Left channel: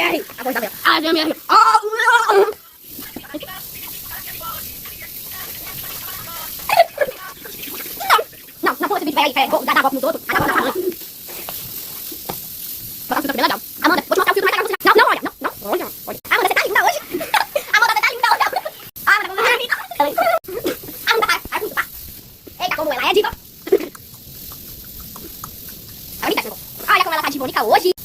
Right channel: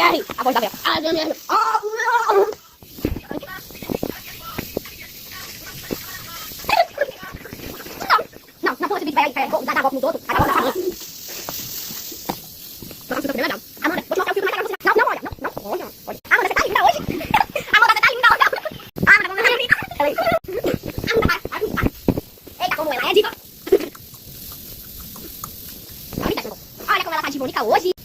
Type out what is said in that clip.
ASMR. A voz da Bel. ASMR. Não pula esse vídeo aí, dar água nos outros. Acabou da cabelo. Vamos fazer legal. Amanda, vou te mostrar o filtro mais legal. Não, olha. Olha. Amanda, você tá linda hoje. Amanda, você tá linda hoje. Amanda, como ela é linda. Amanda, para. Eita, como ela é diva. Olha como ela tá de bonita hoje.